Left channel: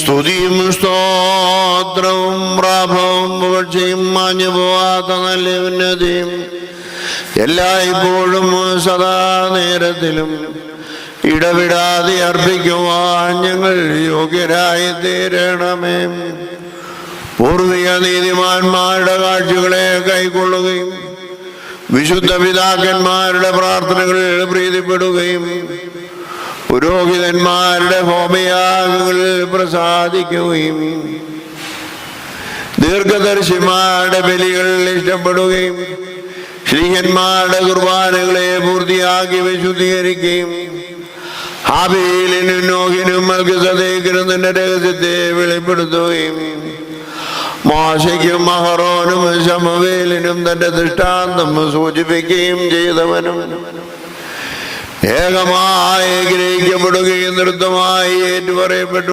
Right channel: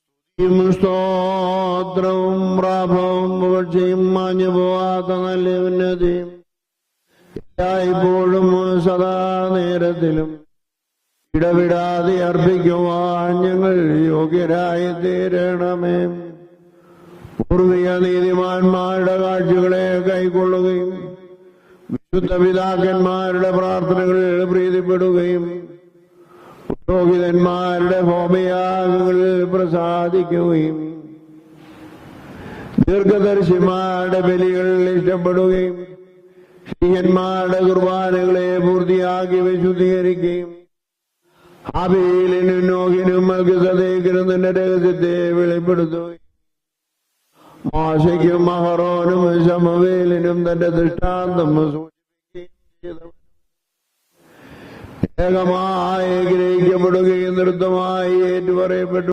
സ്തുതിയും സ്തോത്രവും പ്രാഭവും പുകഴ്ചയും മാഞ്ഞു പോവാത്ത നല്ല ഉന്നതിയും എല്ലായ്പ്പോഴും സദാ നേരത്തിലും ഇടവിടാതെ അർപ്പിക്കുവാൻ ഞങ്ങൾ യോഗ്യരായി തീരണമേ. പൂർവിക നീതിമാന്മാരുടെ കാഴ്ചകളെ കൈക്കൊള്ളുകയും വിശുദ്ധ പിതാക്കന്മാരുടെ പ്രാർത്ഥനകളിൽ പ്രീതിപ്പെടുകയും പുരോഹിതന്മാരുടെ ഹോമയാഗങ്ങളിൽ പ്രസാദിക്കുകയും ദീർഘദർശിമാരുടെ ബലികളിൽ ഇഷ്ടപ്പെടുകയും ശ്രീഹന്മാരുടെ കുർബാനകളെ പൂർത്തിയാക്കി വിശുദ്ധീകരിക്കുകയും ഹാബീലിനും നോഹിനും മൽക്കിസദേക്കിനും തന്റെ രഹസ്യത്തെ വെളിപ്പെടുത്തുകയും മോശയ്ക്കും അഹറോനും ശമൂവേലിനും തന്റെ ദൃഷ്ടാന്തം സൂചിപ്പിക്കുകയും ചെയ്തവനും ഏകമായി ഗ്രഹിക്കപ്പെടുകയും നൃത്തമായി ഏറ്റുപറയപ്പെട്ടു